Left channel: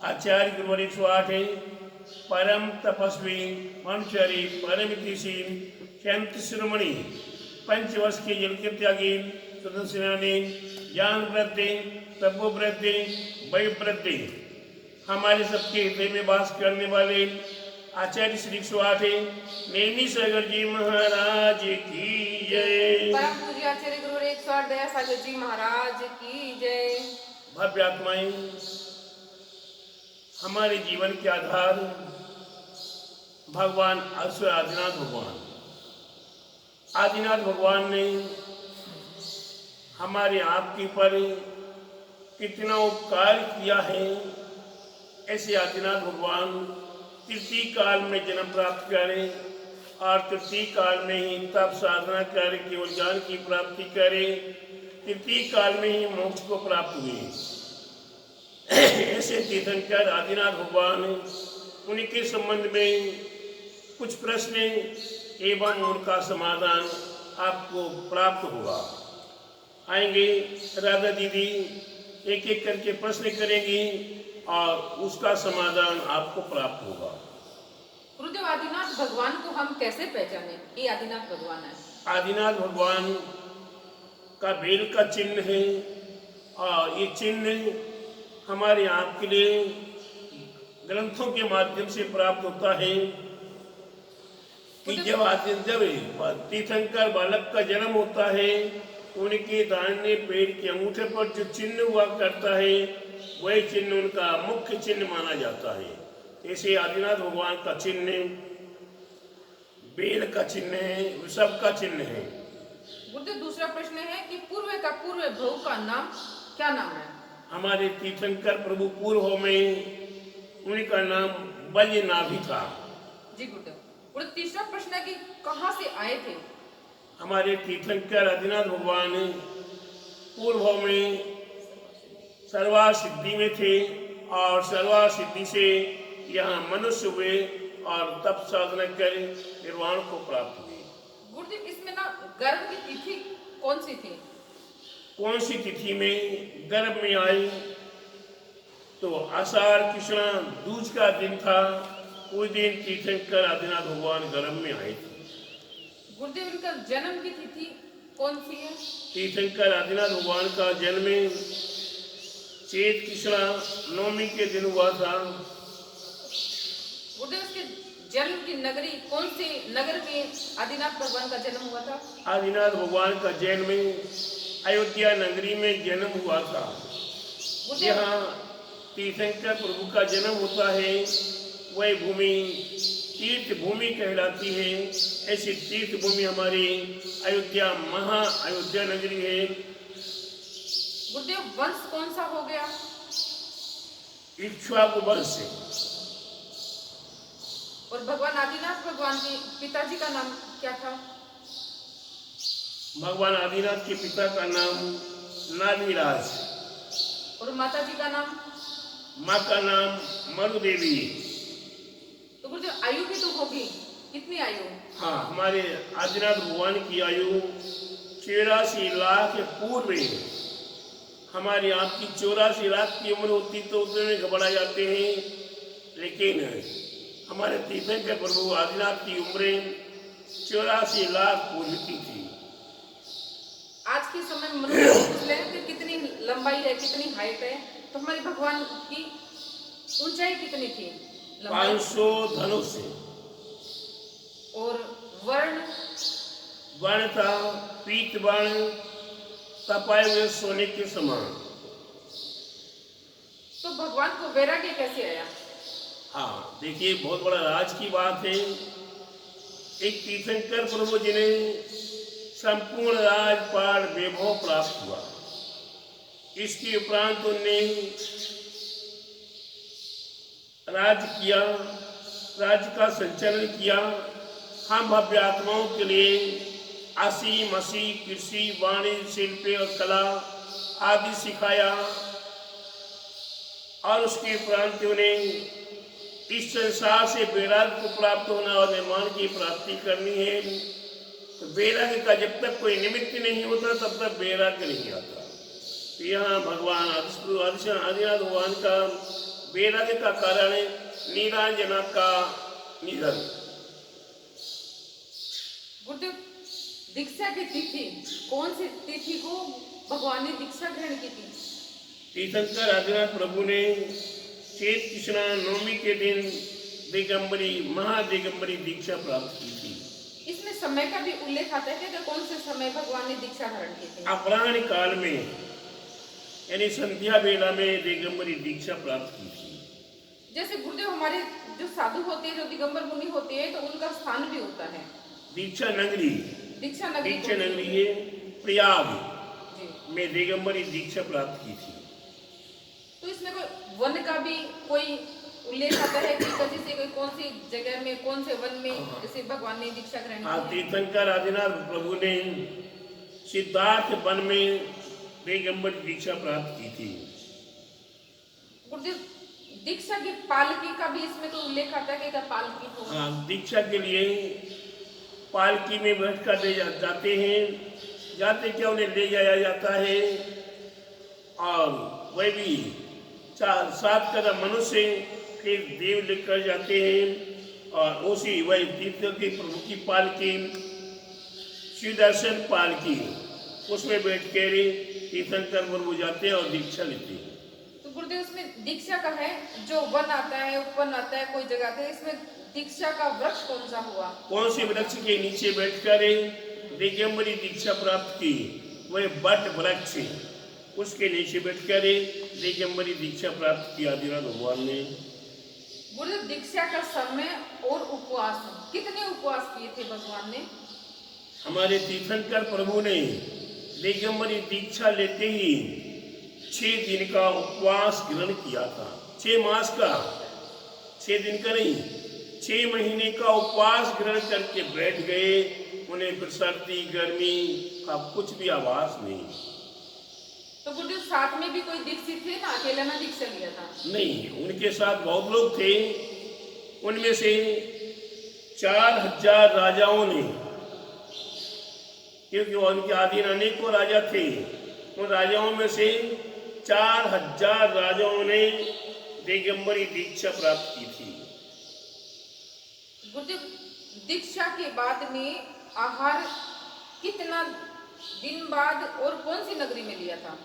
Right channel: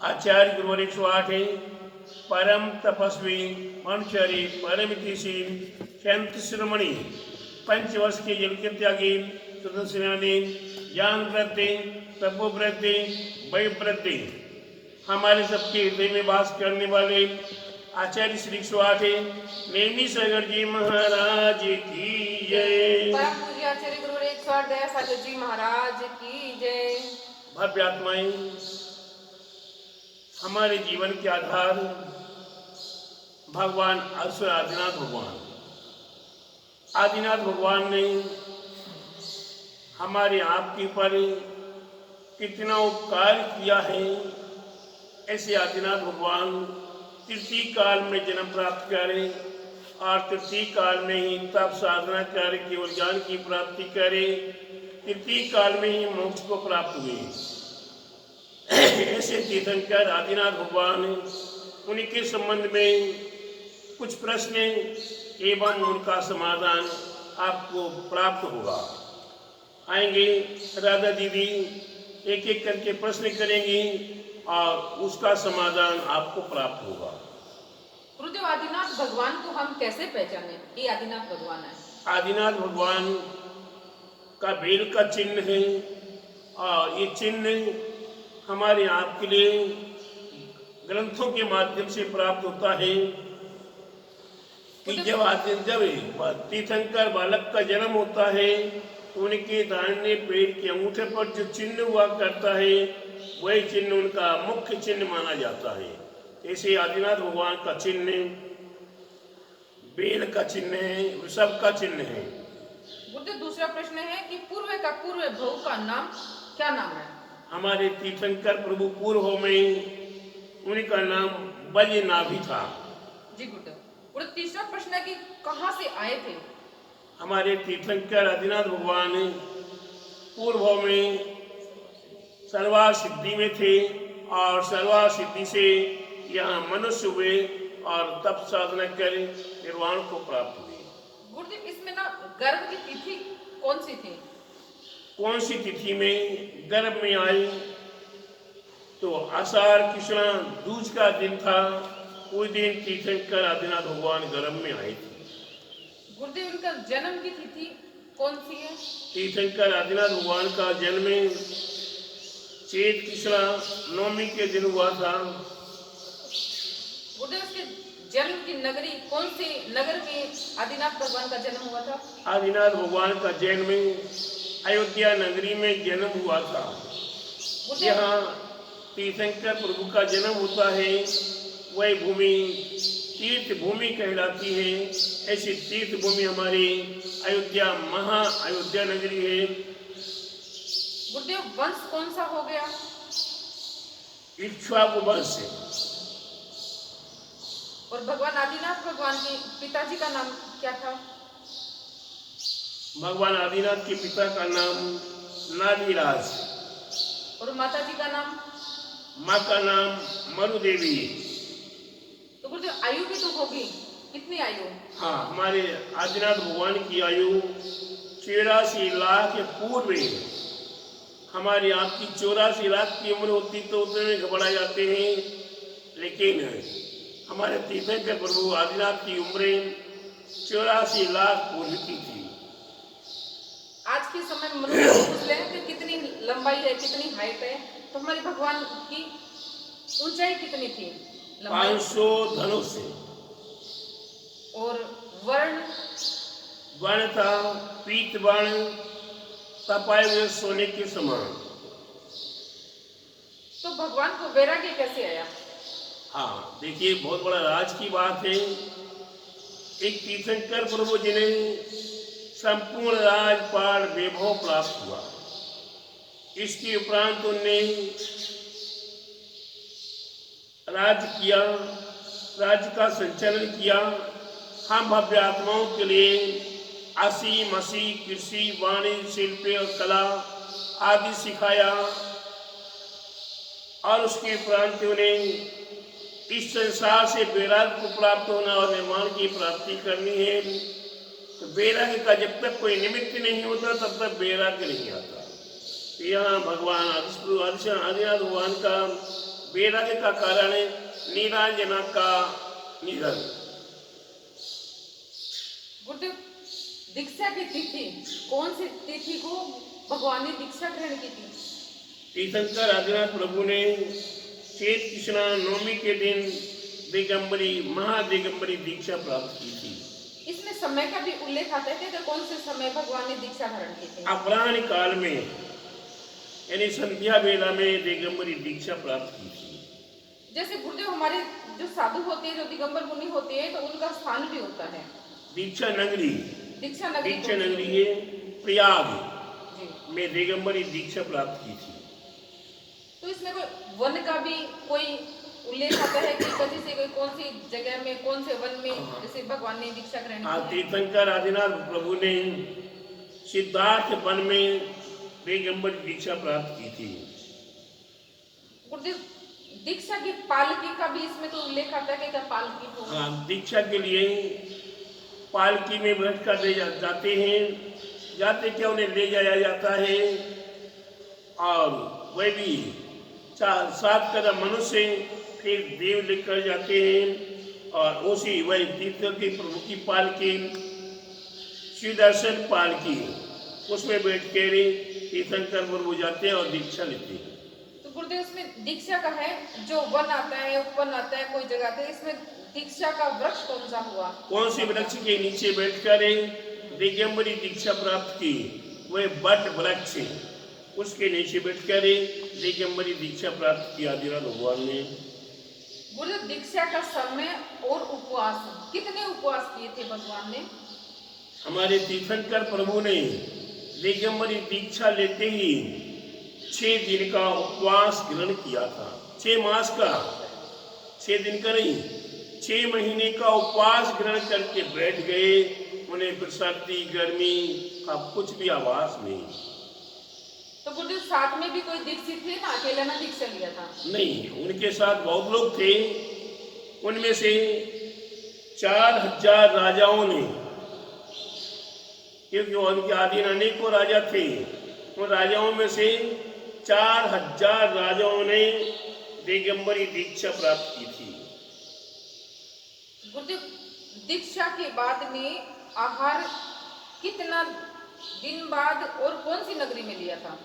आचार्य गुरुवर 108 है। परम तपस्वी ब्रह्मचारी परम ऋषि शांत शिरोमणि 5 वर्ष के जल के त्यागी सुदर्शनाने ज्ञान वृद्धि तपोवृद्धि वैवृद्धि हमारे सबके हृदय में वास करने वाले आचार्य श्री 108 नेमी सागर जी महाराज की जय। परम पूज्य आचार्य गुरुवर 108 दया सागर जी महाराज की जय। भव्य आत्माएं, हमारे जीवन के आधार भगवान अश्व आदिनाथ भगवान। आदिनाथ भगवान ने हमारे आपके पर कितना उपकार किया है। ऐसे आदिनाथ भगवान तृतीय काल में जन्म प्राप्त करें और तृतीय काल में ही तप साधना करे केवल ज्ञान की प्राप्ति करे, तृतीय काल में ही मोक्ष को प्राप्त हुए। ऐसे तीर्थंकर आदिनाथ भगवान, उनके संबंध में कुछ प्रश्न एवं उनका समाधान आपको प्राप्त होगा। आएंगे राधा दीदी एक एक करके प्रश्न करेंगी और उसका समाधान आपको प्राप्त होगा। गुरुदेव, आदिनाथ भगवान को हम कैसे पहचाने? ये आदिनाथ भगवान है। आदिनाथ भगवान का बेल का चिन्ह है और ये चिन्ह हमारे आपके लिए ग्रंथों के माध्यम से प्राप्त होता है कि जब तीर्थंकर बालक का जन्म होता है, उनके दाहिने पैर के अंगूठे पर जो चिन्ह हुआ करता है, वही चिन्ह उनका मुख्य चिन्ह माना जाता है। ऐसे आदिनाथ भगवान का चिन्ह बेल का चिन्ह है, वृषभ का चिन्ह है। गुरुदेव, दूसरा प्रश्न है कि पूर्व प्रभु का नाम क्या नाम है? हमारे तीर्थंकर प्रभु पूर्व में उनका नाम बैजनाथ था। जी गुरुदेव। और तीसरा प्रश्न है कि कहाँ से आए थे? हमारे तीर्थंकर आदिनाथ भगवान पूर्व में सर्वा सिद्धि में थे और सर्वा सिद्धि से यहाँ मनुष्य हुए और तप साधना कर निर्वाण को प्राप्त हुए। गुरुदेव, इसमें ना गर्भ की तिथि कौन सी थी? कौन सी तिथि में गर्भ में आई तो आषाढ़ कृष्णा दूज का दिन था। उस दिन तीर्थंकर आदिनाथ भगवान गर्भ में आए थे। गुरुदेव, उनका जन्म की तिथि कौन सी है? तीर्थंकर आदिनाथ भगवान का जन्म चैत कृष्णा नवमी के दिन हुआ था। गुरुदेव, उसके जन्म की नगरी कौन से नगर में आदिनाथ भगवान का जन्म हुआ था? आदिनाथ भगवान का जन्म अयोध्या नगरी में जन्म हुआ था। यहाँ तीर्थंकर प्रभु का जन्म होता है, वह भूमि तीर्थ भूमि कहलाती है। ऐसी तीर्थ भूमि हमारी अयोध्या महा अयोध्या नगरी है। गुरुदेव, वंश कौन सा हो गया? इक्ष्वाकु वंश। और भगवान आदिनाथ भगवान के पिताजी का नाम क्या था? भगवान आदिनाथ के पिता का नाम नागीराज। और माता जी का नाम? माँ का नाम मरुदेवी। तो गुरुदेव, आयु भी तो होगी, कितनी आयु? हाँ, हमारे आदिनाथ भगवान की आयु 84 लाख पूर्व है। हमारी आपकी 84 लाख की उम्र होती तो उसमें घबरा जाते हैं, लेकिन हमारे तीर्थंकर प्रभु आदिनाथ की उम्र 84 लाख पूर्व की थी। आज के समय में मनुष्य पूछ ले कि कितनी लंबाई है, कितनी हाइट है, तो हमारे भगवान की ऊंचाई कितनी थी? 500 धनुष। और वर्ण? वर्ण था पीत वर्ण, तपाए हुए सोने के समान। तो भगवान को वैराग्य कैसे आया? हाँ, देखिए, बहुत बड़ा राज की बात है। एक तीर्थंकर प्रभु जिन्हें संपूर्ण राजपाट वैभव प्राप्त हुआ, इसके उपरांत उन्होंने राज्य किया, राज्य का संचालन किया। हम भव्य आत्माओं के लिए असीम मसीह कृषि वाणिज्य शिल्प और कला आदि सिखाया और उसके उपरांत उन्हें इस संसार से वैराग्य को प्राप्त होना और निर्माण की प्राप्ति करनी है। तो वैराग्य का जब तक कोई निमित्त नहीं होता तब तक वैराग्य नहीं आता। तो यहाँ भगवान आदिनाथ भगवान का वैराग्य का कारण नीराजना का निधन। गुरुदेव, दीक्षा की तिथि, कौन सी तिथि को भगवान ने दीक्षा ग्रहण की थी? तीर्थंकर आदिनाथ प्रभु ने चैत कृष्णा नवमी के दिन दिगंबरी महादिगंबरी दीक्षा प्राप्त की थी। इसमें समय का भी उल्लेख आता है कि कौन से समय भगवान ने दीक्षा धारण की थी? अपराह्न काल में, यानी संध्या वेला में दिगंबरी दीक्षा प्राप्त की थी। जैसे गुरुदेव, हमारे जो साधु होते हैं, जो दिगंबर मुनि होते हैं, तो उनका स्थान भी होता है दीक्षा नगरी दीक्षा नगरी है प्रयाग जी। में दिगंबरी दीक्षा प्राप्त की थी। तो इसमें कोई वन का भी कोई उल्लेख आता है कि कभी से कौन सी जगह में, कौन से वन में जैसे भगवान ने दीक्षा ग्रहण की है? तीर्थंकर आदिनाथ प्रभु ने सिद्धार्थ वन में दिगंबरी दीक्षा प्राप्त की थी। गुरुदेव, दीक्षा की पालकी का भी इसमें कोई उल्लेख आता है कि पालकी को? दीक्षा के लिए पालकी में बैठ कर ले जाते हैं, जाते क्या उन्हें ले जाया जाता है, और वह भी 7 कदम मनुष्य फिर देव लेकर जाते हैं, और उसी वही तीर्थ के प्रभु की पालकी सुदर्शन पालकी, उसमें बैठ कर तीर्थंकर प्रभु जाते हैं और दीक्षा लेते हैं। तो गुरुदेव, इसमें दीक्षा का है जो वन आता है, उपवन आता है, कोई जगह आता है, इसमें दीक्षा का वृक्ष कौन सा हुआ? कौन से वृक्ष के नीचे बैठकर दिगंबरी दीक्षा प्राप्त की? वह बट वृक्ष, उसके नीचे बैठकर दिगंबरी दीक्षा प्राप्त किया आदिनाथ भगवान ने। गुरुदेव, दीक्षा का समय और उपवास, कितने उपवास किए थे भगवान ने? हमारे तीर्थंकर प्रभु ने दिगंबरी दीक्षा लेते ही 6 दिन का उपवास ग्रहण किया था। 6 मास का, 6 दिन का नहीं, 6 महीने का उपवास ग्रहण करके बैठ गए। उन्हें फिर सर्दी गर्मी का कुछ भी आवाज नहीं। तो गुरुदेव, साथ में भी कोई दीक्षित थे ना, अकेला ना दीक्षा लिया था? नहीं, उनके साथ बहुत लोग थे। उनमें से 4000 राजाओं ने, क्योंकि उनके आधीन अनेकों राजा थे, उन राजाओं में से 4000 राजाओं ने दिगंबरी दीक्षा प्राप्त की थी। गुरुदेव, दीक्षा के बाद में आहार कितना दिन बाद और कौन सी नगरी में लिया था?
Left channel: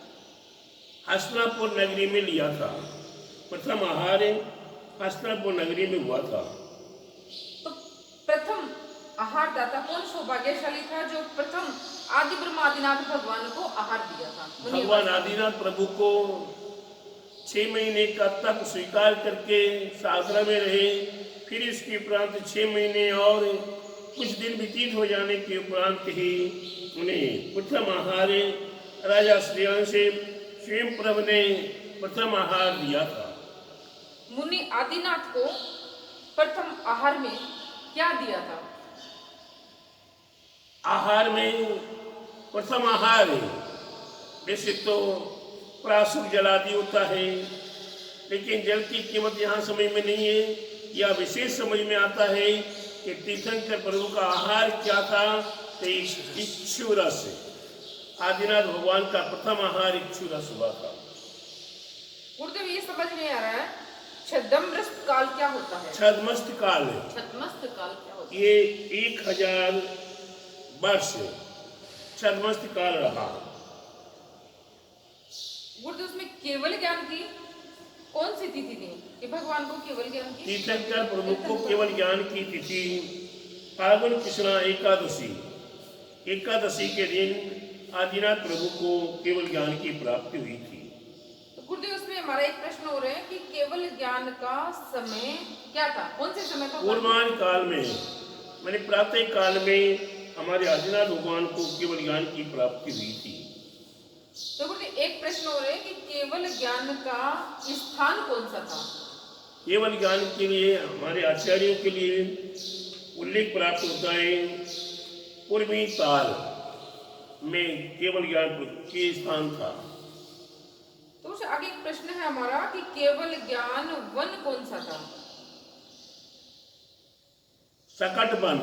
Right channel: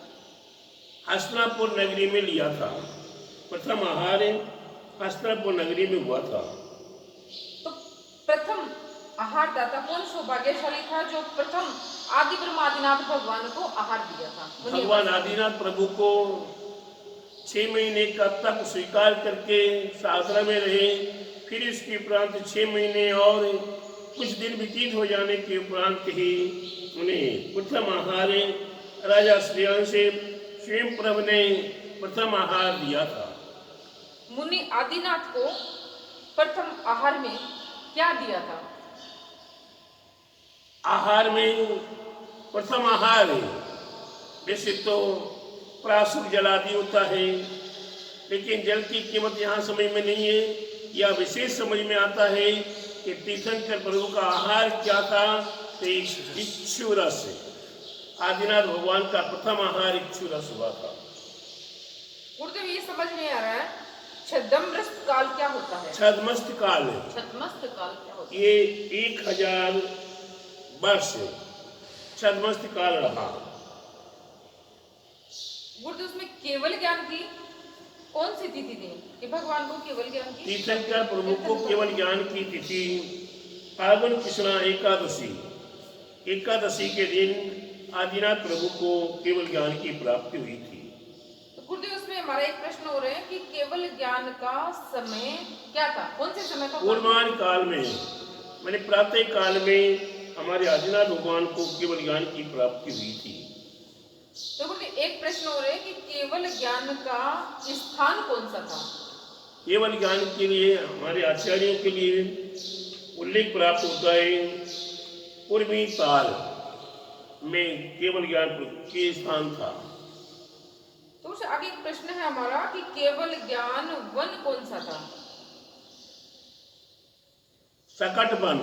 हस्तिनापुर नगरी में लिया था। प्रथम आहार हस्तिनापुर नगरी में हुआ था। तो प्रथम आहार दाता कौन सौभाग्यशाली था जो प्रथम आदि ब्रह्म आदिनाथ भगवान को आहार दिया था? भगवान आदिनाथ प्रभु को 6 महीने का तप स्वीकार करके साधना में रहे। फिर इसके उपरांत 6 महीने और कुछ दिन व्यतीत हो जाने के उपरांत ही उन्हें प्रथम आहार राजा श्रेयांश से स्वयं प्रभु ने प्रथम आहार दिया था। मुनि आदिनाथ को प्रथम आहार में क्या दिया था? आहार में प्रथम आहार वैसे तो प्राशुक जल आदि होता है, लेकिन जल की कीमत यहाँ समझ में नहीं है। यह विशेष समझ में आता है कि तीर्थंकर प्रभु का आहार क्या था, तो इक्षु रस, आदिनाथ भगवान का प्रथम आहार इक्षु रस हुआ था। गुरुदेव, ये समझ नहीं आ रहा है, छद्मस्त काल क्या होता है? छद्मस्त काल, छद्मस्त काल क्या होता है? ये 1000 वर्ष छद्मस्त काल रहा। गुरुदेव, उसमें केवल ज्ञान की कौन सी तिथि थी कि भगवान को केवल ज्ञान की? तीर्थंकर प्रभु को केवल ज्ञान की तिथि फाल्गुन कृष्णा एकादशी के दिन आदिनाथ प्रभु को केवल ज्ञान की प्राप्ति हुई थी। तो गुरुदेव, उसमें हमारा एक प्रश्न हो रहा है कि केवल ज्ञान का समय क्या था? कौन से समय का? पूर्वान काल में, मैंने प्रातः काल में हमारे आदिनाथ भगवान को केवल ज्ञान की प्राप्ति हुई थी। तो गुरुदेव, एक प्रश्न हो रहा है कि केवल ज्ञान का स्थान कौन सा था? केवल ज्ञान के लिए हमारे आचार्यों के लिए उल्लेख प्राप्त होता है, पूर्वी काल में केवल ज्ञान के स्थान था। तो उससे आगे एक प्रश्न है हमारा कि केवल ज्ञान वन कौन सा था? सकट वन,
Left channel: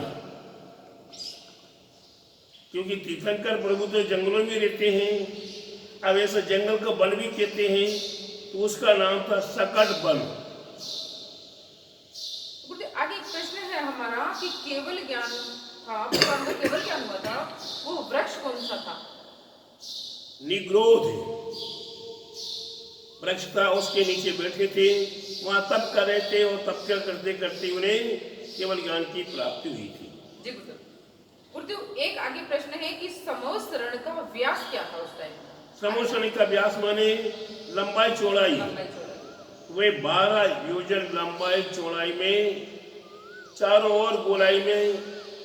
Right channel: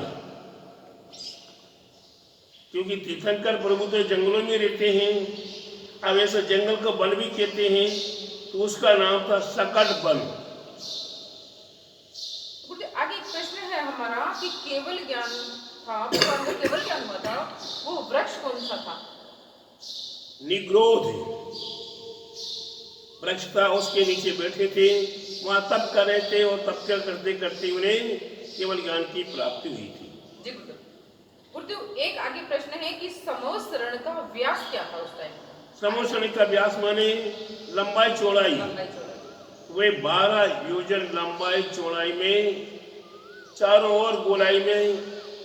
क्योंकि तीर्थंकर प्रभु तो जंगलों में रहते हैं। अब ऐसा जंगल को वन भी कहते हैं, तो उसका नाम था सकट वन। हमारा कि केवल ज्ञान था, भगवान का केवल ज्ञान हुआ था, वो वृक्ष कौन सा था? निग्रोध वृक्ष था, उसके नीचे बैठे थे, वहां तप कर रहे थे और तप करते करते उन्हें केवल ज्ञान की प्राप्ति हुई थी। जी गुरुदेव। गुरुदेव, एक आगे प्रश्न है कि समोसरण का व्यास क्या था उस टाइम का? समोसरण का व्यास माने लंबाई चौड़ाई। लंबाई चौड़ाई। वे 12 योजन लंबाई चौड़ाई में, चारों ओर गोलाई में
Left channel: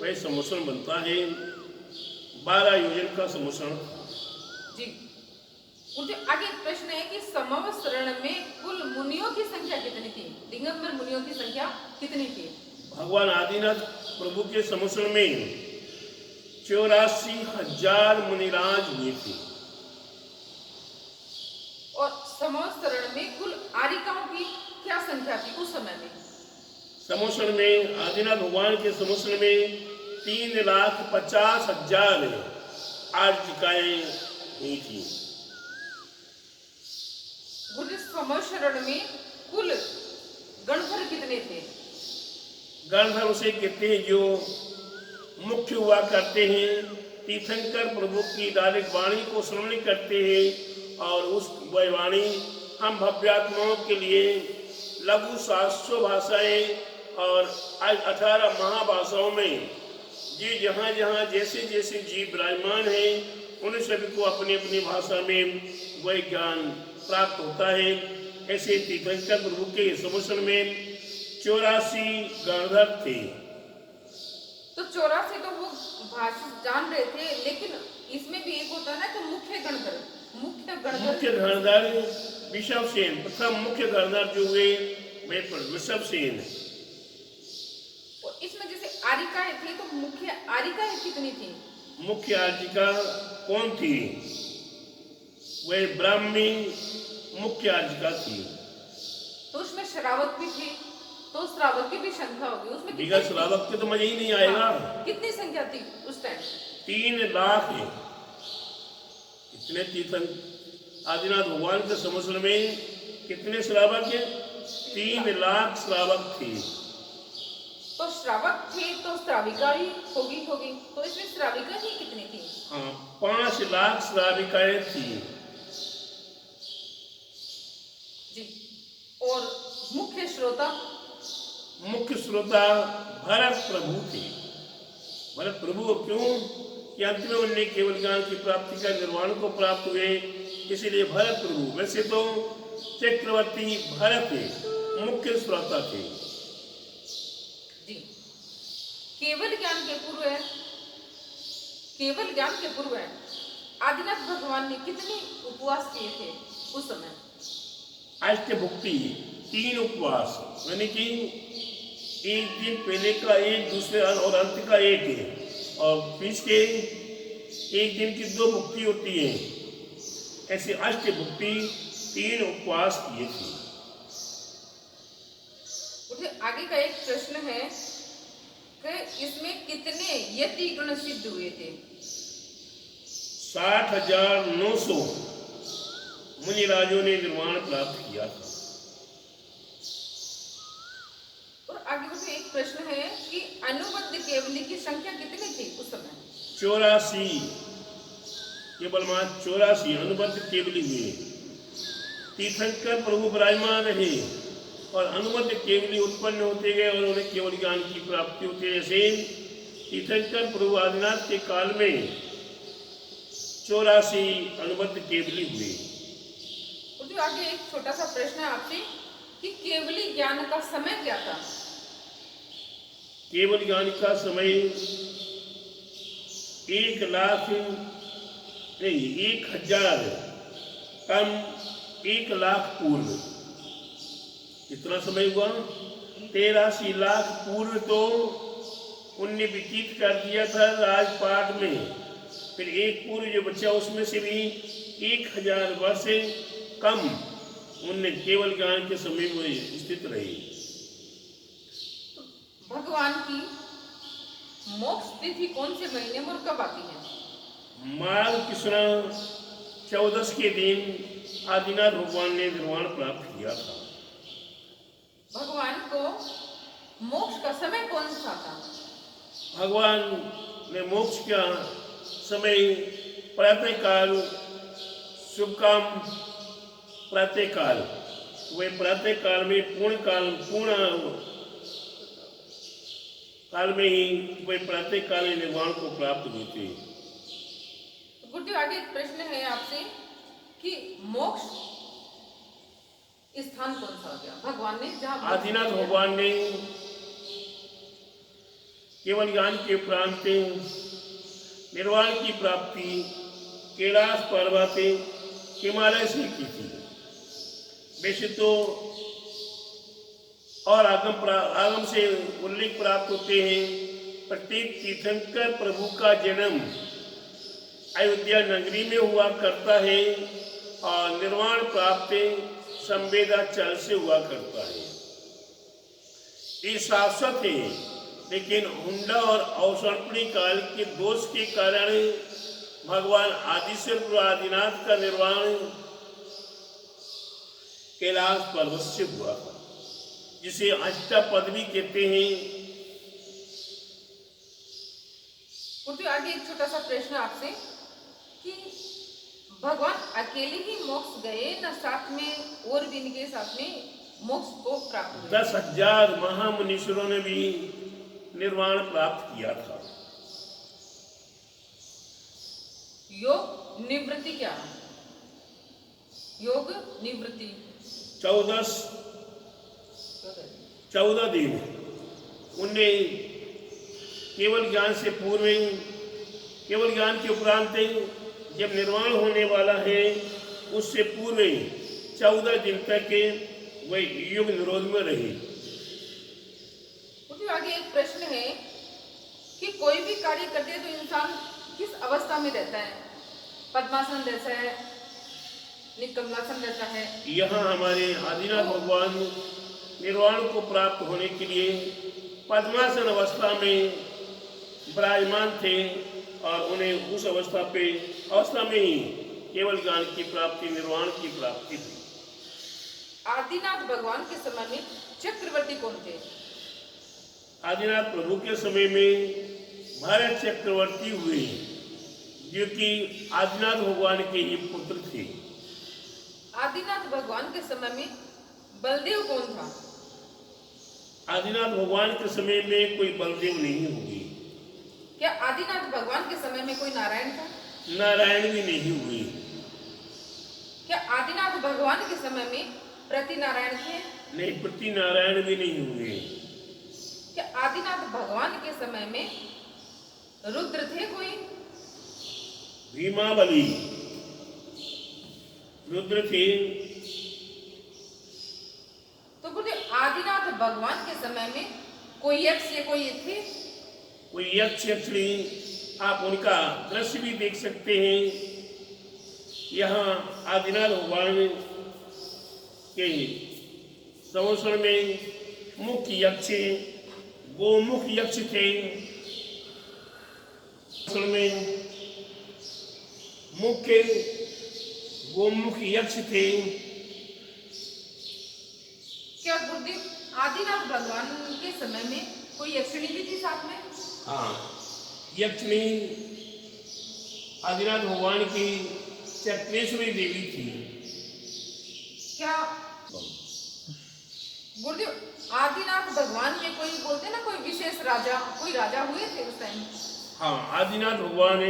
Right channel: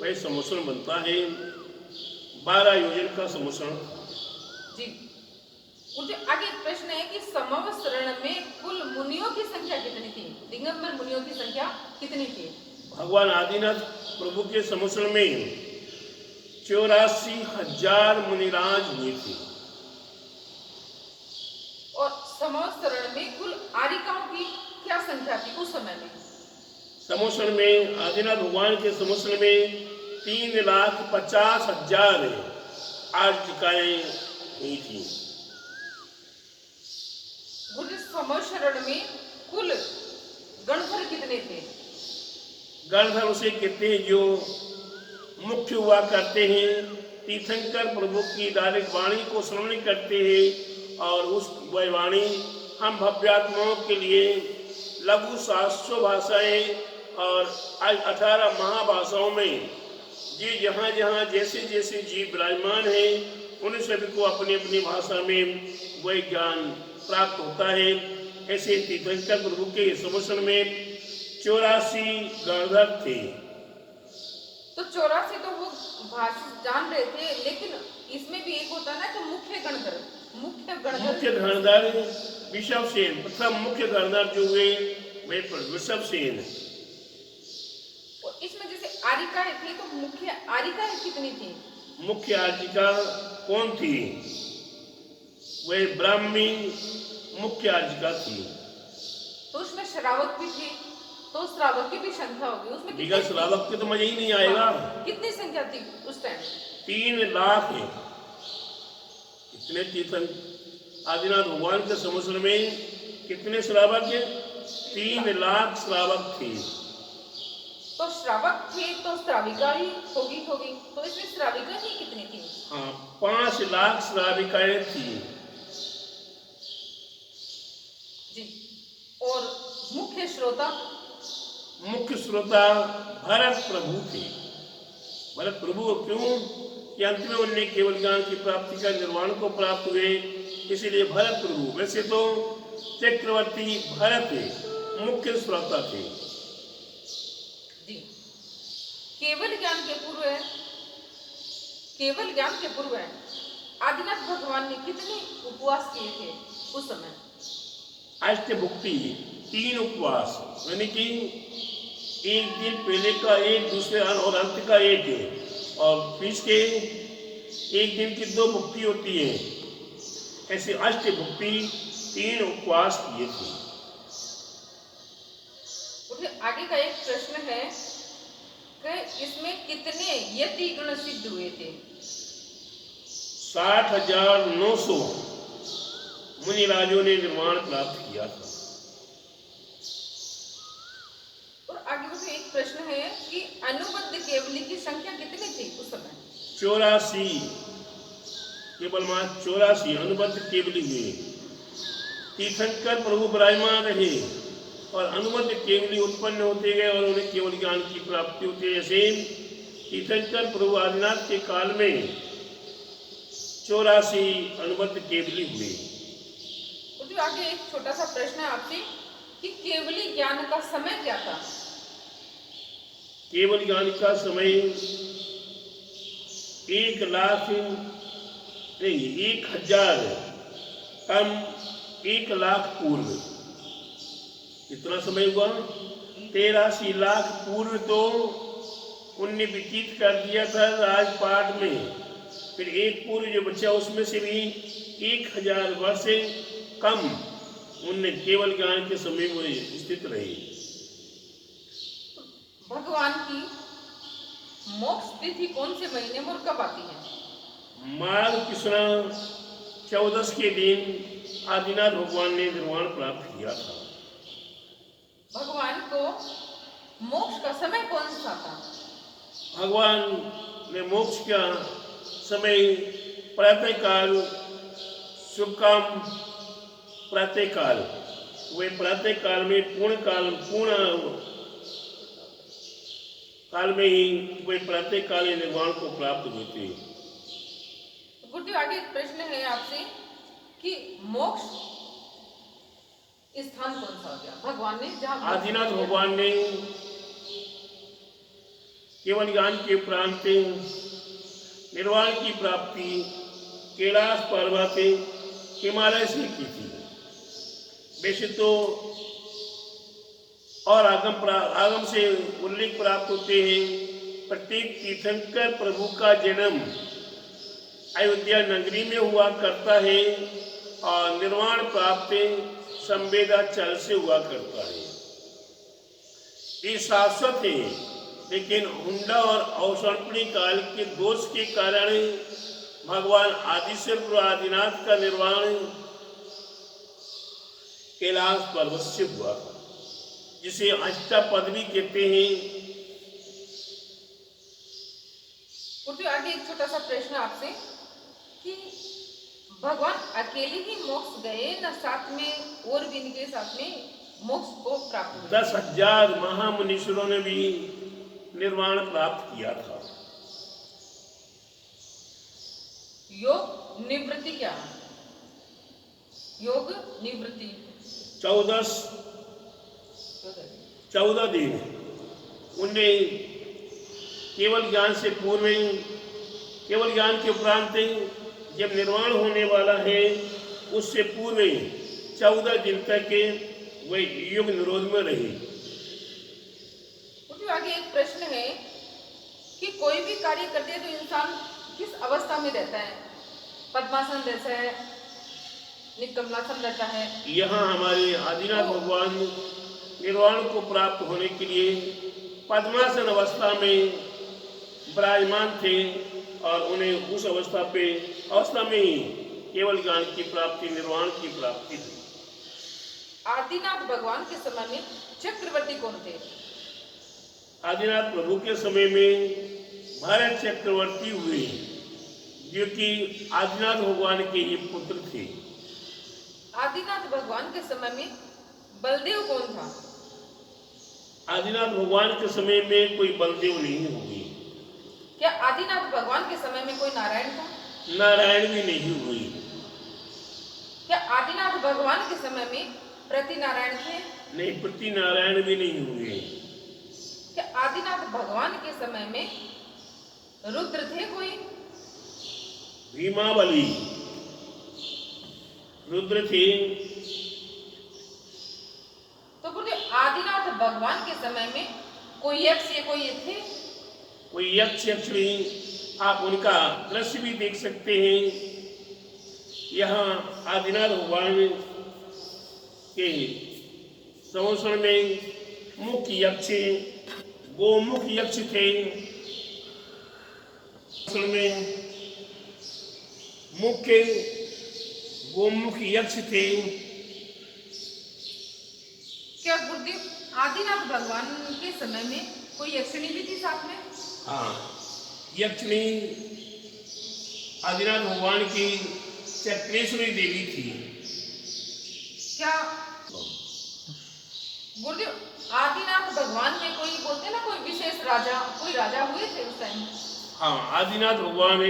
वह समोसरण बनता है। 12 योजन का समोसरण। जी। मुझे आगे एक प्रश्न है कि समवसरण में कुल मुनियों की संख्या कितनी थी? दिगंबर मुनियों की संख्या कितनी थी? भगवान आदिनाथ प्रभु के समोसरण में 84,000 मुनिराज हुए थे। और समवसरण में कुल आरिकाओं की क्या संख्या थी उस समय में? समोसरण में आदिनाथ भगवान के समोसरण में 3,50,000 आर्जिकाएं हुई थी। गुरुदेव, समवसरण में कुल गणधर कितने थे? गणधर उसे कहते हैं जो मुख्य हुआ करते हैं, तीर्थंकर प्रभु की डायरेक्ट वाणी को श्रवण करते हैं और उस वह वाणी हम भव्यात्माओं के लिए लघु 700 भाषाएं और 18 महाभाषाओं में जी जहाँ जहाँ जैसे जैसे जीव विराजमान है उन सभी को अपनी अपनी भाषा में वह ज्ञान प्राप्त होता है। ऐसे तीर्थंकर प्रभु के समोसरण में 84 गणधर थे। तो 84 तो वो भाषा जान रहे थे, लेकिन इसमें भी एक होता है ना कि मुख्य गणधर। मुख्य गणधर विषवसेन, प्रथम मुख्य गणधर जो हुए वे विषवसेन। और इसमें जैसे आरिकाएं थी, तो मुख्य आरिकाएं कितनी थी? मुख्य आर्जिका कौन थी? वह ब्राह्मी मुख्य आर्जिका थी। तो उसमें श्रावक भी थी, तो श्रावक की भी संख्या होगी उसमें। बिगड़ श्रावक के तो मजा ही नहीं आएगा। कितनी संख्या थी उस टाइम? 3 लाख है। कितने तीर्थन आदिनाथ भगवान के समोसरण में कितने श्रावक है? 3 लाख श्रावक थे। तो श्रावक थे तो श्राविका भी होगी। तो इसमें श्राविका ही कितनी थी? हाँ, 5 लाख श्राविकाएं थी। जी। और मुख्य श्रोता भरत प्रभु थे। भरत प्रभु क्यों? कि अंत में उन्हें केवल ज्ञान की प्राप्ति का निर्वाण को प्राप्त हुए, इसलिए भरत प्रभु। वैसे तो चक्रवर्ती भरत मुख्य श्रोता थे। जी। केवल ज्ञान के पूर्व आदिनाथ भगवान ने कितने उपवास किए थे उस समय? अष्टभुक्ति 3 उपवास, यानी कि एक दिन पहले का एक, दूसरे और अंत का एक है, और बीच के एक दिन की 2 भुक्ति होती है। ऐसे अष्टभुक्ति 3 उपवास किए थे। मुझे आगे का एक प्रश्न है कि इसमें कितने यति गण सिद्ध हुए थे? 60,900 मुनिराजों ने निर्वाण प्राप्त किया था। और आगे मुझे एक प्रश्न है कि अनुबद्ध केवली की संख्या कितनी थी उस समय? 84, केवल मात्र 84 अनुबद्ध केवली हुए। तीर्थंकर प्रभु विराजमान रहे और अनुबद्ध केवली उत्पन्न होते गए और उन्हें केवल ज्ञान की प्राप्ति होती है। जैसे तीर्थंकर प्रभु आदिनाथ के काल में 84 अनुबद्ध केवली हुए। मुझे आगे एक छोटा सा प्रश्न है आपसे कि केवली ज्ञान का समय क्या था? केवल ज्ञान का समय 1,000 कम 1,00,000 पूर्व। कितना समय हुआ? 83 लाख पूर्व तो उनने व्यतीत कर दिया था राजपाट में। फिर एक पूर्व जो बचा उसमें से भी 1,000 वर्ष कम उनने केवल ज्ञान के समय में स्थित रहे। भगवान की मोक्ष तिथि कौन से महीने में और कब आती है? माघ कृष्ण 14 के दिन आदिनाथ भगवान ने निर्वाण प्राप्त किया था। भगवान को मोक्ष का समय कौन सा था? भगवान ने मोक्ष का समय प्रातः काल, शुभ काम प्रातः काल, वे प्रातः काल में पूर्ण काल में ही वे प्रातः काल निर्वाण को प्राप्त हुए थे। गुरुदेव, आगे एक प्रश्न है आपसे कि मोक्ष स्थान कौन सा हो गया? भगवान ने जहाँ आदिनाथ भगवान ने केवल ज्ञान के उपरांत निर्वाण की प्राप्ति कैलाश पर्वत हिमालय से की थी। वैसे तो और आगम से उल्लेख प्राप्त होते हैं। प्रत्येक तीर्थंकर प्रभु का जन्म अयोध्या नगरी में हुआ करता है और निर्वाण प्राप्त संवेदाचल से हुआ करता है। ये शाश्वत है, लेकिन हुंडा और अवसर्पणी काल के दोष के कारण भगवान आदिशक्ति आदिनाथ का निर्वाण कैलाश पर्वत से हुआ, जिसे अष्टापद भी कहते हैं। तो आगे एक छोटा सा प्रश्न आपसे कि भगवान अकेले ही मोक्ष गए न साथ में और भी इनके साथ में मोक्ष को प्राप्त हुए? 10,000 महामुनीश्वरों ने भी निर्वाण प्राप्त किया था। योग निवृत्ति क्या? योग निवृत्ति 14 दिन उनने केवल ज्ञान से पूर्व ही, केवल ज्ञान के उपरांत जब निर्वाण होने वाला है उससे पूर्व ही 14 दिन तक वह योग निरोध में रहे। उसके आगे एक प्रश्न है कि कोई भी कार्य करते हैं तो इंसान किस अवस्था में रहता है? पद्मासन रहता है, निकमलासन रहता है? यहाँ हमारे आदिनाथ भगवान निर्वाण को प्राप्त होने के लिए पद्मासन अवस्था में विराजमान थे और उन्हें उस अवस्था में ही केवल ज्ञान की प्राप्ति, निर्वाण की प्राप्ति थी। आदिनाथ भगवान के समय में चक्रवर्ती कौन थे? आदिनाथ प्रभु के समय में भरत चक्रवर्ती हुए, जो कि आदिनाथ भगवान के ही पुत्र थे। आदिनाथ भगवान के समय में बलदेव कौन था? आदिनाथ भगवान के समय में कोई बलदेव नहीं हुए। क्या आदिनाथ भगवान के समय में कोई नारायण था? नारायण भी नहीं हुए। क्या आदिनाथ भगवान के समय में प्रति नारायण थे? नहीं, प्रति नारायण भी नहीं हुए। क्या आदिनाथ भगवान के समय में रुद्र थे कोई? भीमाबली रुद्र थे। तो गुरुदेव, आदिनाथ भगवान के समय में कोई यक्ष या कोई थे? कोई यक्ष यक्षिणी, आप उनका दृश्य भी देख सकते हैं। यहाँ आदिनाथ भगवान के संवत्सर में मुख्य यक्ष गोमुख यक्ष थे। में मुख्य गोमुख यक्ष थे। क्या गुरुदेव आदिनाथ भगवान के समय में कोई यक्षिणी भी थी साथ में? हाँ, यक्षिणी आदिनाथ भगवान की चक्रेश्वरी देवी थी। क्या गुरुदेव आदिनाथ भगवान में कोई बोलते ना कोई विशेष राजा, कोई राजा हुए थे उस टाइम? हाँ, आदिनाथ भगवान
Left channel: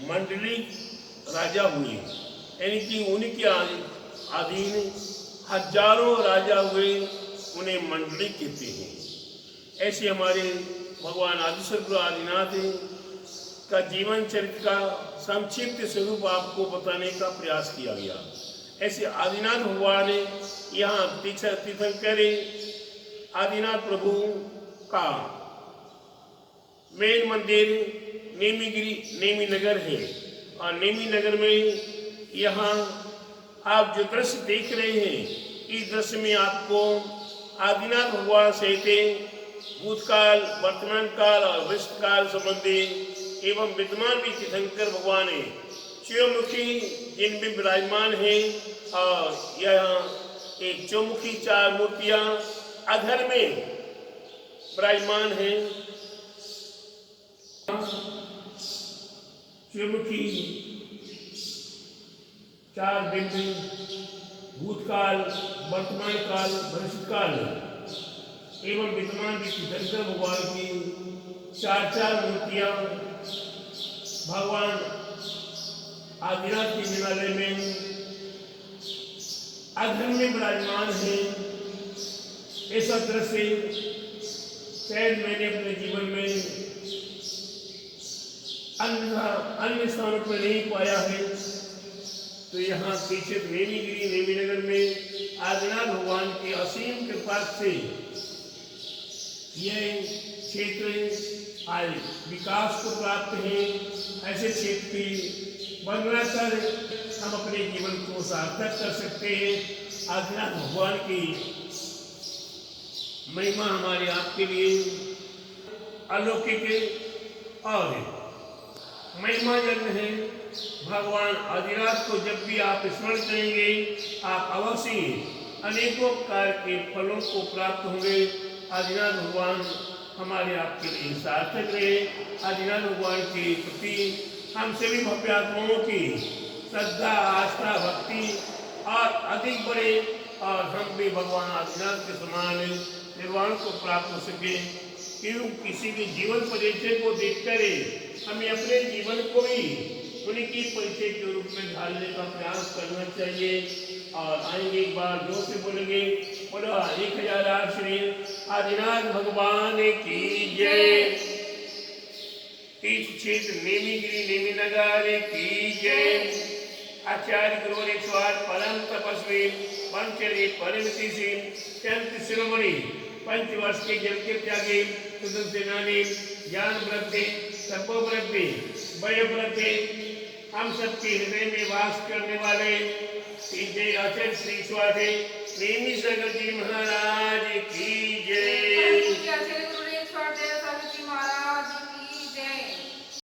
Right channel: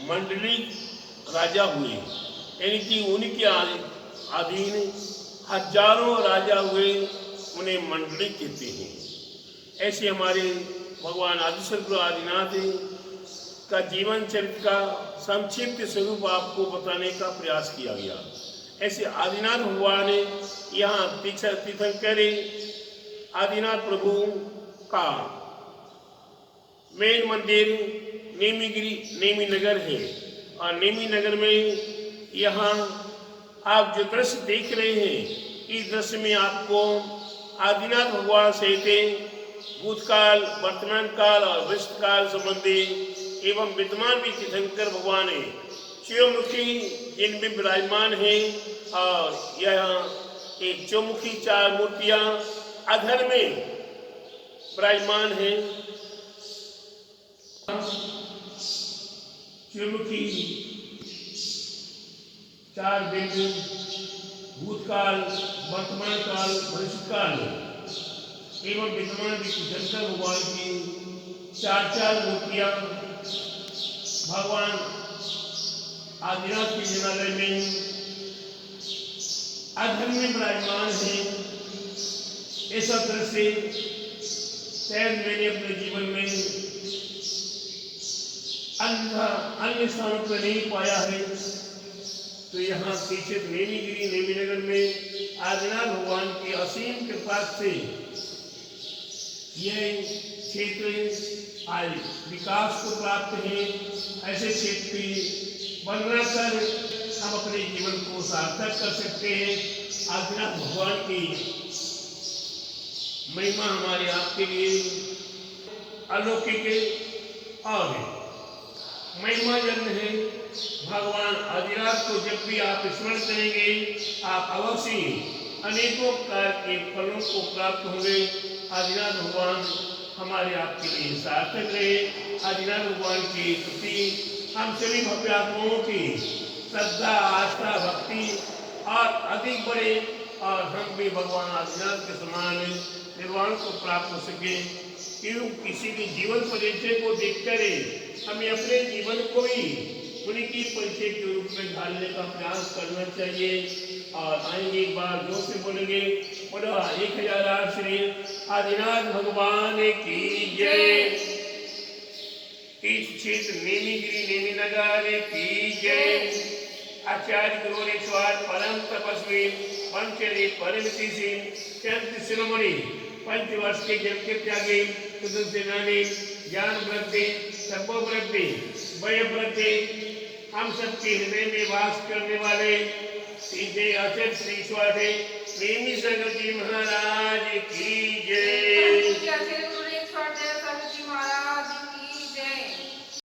मंडली राजा हुए, यानी कि उनके अधीन हजारों राजा हुए, उन्हें मंडली कहते हैं। ऐसे हमारे भगवान आदिशक्ति आदिनाथ का जीवन चरित्र का संक्षिप्त स्वरूप आपको बताने का प्रयास किया गया। ऐसे आदिनाथ भगवान यहाँ तीर्थंकर आदिनाथ प्रभु का मेन मंदिर नेमी नगर है और नेमी नगर में यहाँ आप जो दृश्य देख रहे हैं, इस दृश्य में आपको आदिनाथ भगवान सहित भूतकाल, वर्तमान काल और भविष्य काल संबंधी एवं विद्यमान भी तीर्थंकर भगवान है शिवमुखी जिनमें विराजमान है। और यह एक चौमुखी 4 मूर्तियां अधर में विराजमान हैं। शिवमुखी चार बिंदु भूतकाल, वर्तमान काल, भविष्य काल एवं विद्यमान शंकर भगवान की चार मूर्तियां भगवान आदिनाथ के हिमालय में अधर्म में विराजमान है। ऐसा दृश्य शायद मैंने अपने जीवन में अन्य स्थानों पर नहीं पाया है। तो यहाँ पीछे नेमी नगर में आदिनाथ भगवान की असीम कृपा से यह क्षेत्र आज विकास को प्राप्त है। ऐसे क्षेत्र की वर्णना कर हम अपने जीवन को सार्थक कर सकते हैं। आदिनाथ भगवान की महिमा हमारे आपके लिए अलौकिक और महिमाजन्य है। भगवान आदिनाथ को जब भी आप स्मरण करेंगे आप अवश्य अनेकों प्रकार के फलों को प्राप्त होंगे। आदिनाथ भगवान हमारे आपके लिए सार्थक रहे। आदिनाथ भगवान के प्रति हम सभी भव्य आत्माओं की श्रद्धा, आस्था, भक्ति और अधिक बढ़े और हम भी भगवान आदिनाथ के समान निर्वाण को प्राप्त हो सके। क्यों किसी के जीवन परिचय को देखकर हमें अपने जीवन को ही उनकी परिचय के रूप में ढालने का प्रयास करना चाहिए। और आएंगे एक बार जोर से बोलेंगे, बोलो 1008 श्री आदिनाथ भगवान की जय। इस क्षेत्र नेमी नगर की जय। आचार्य गुरु 108 परम तपस्वी पंचरी परम संत शिरोमणि पंचवर्ष के जल के त्यागी सेनानी ज्ञान वृद्धि तपो वृद्धि वय वृद्धि हम सबके हृदय में वास करने वाले सीधे आचार्य श्री स्वाधे नेमी सागर जी महाराज की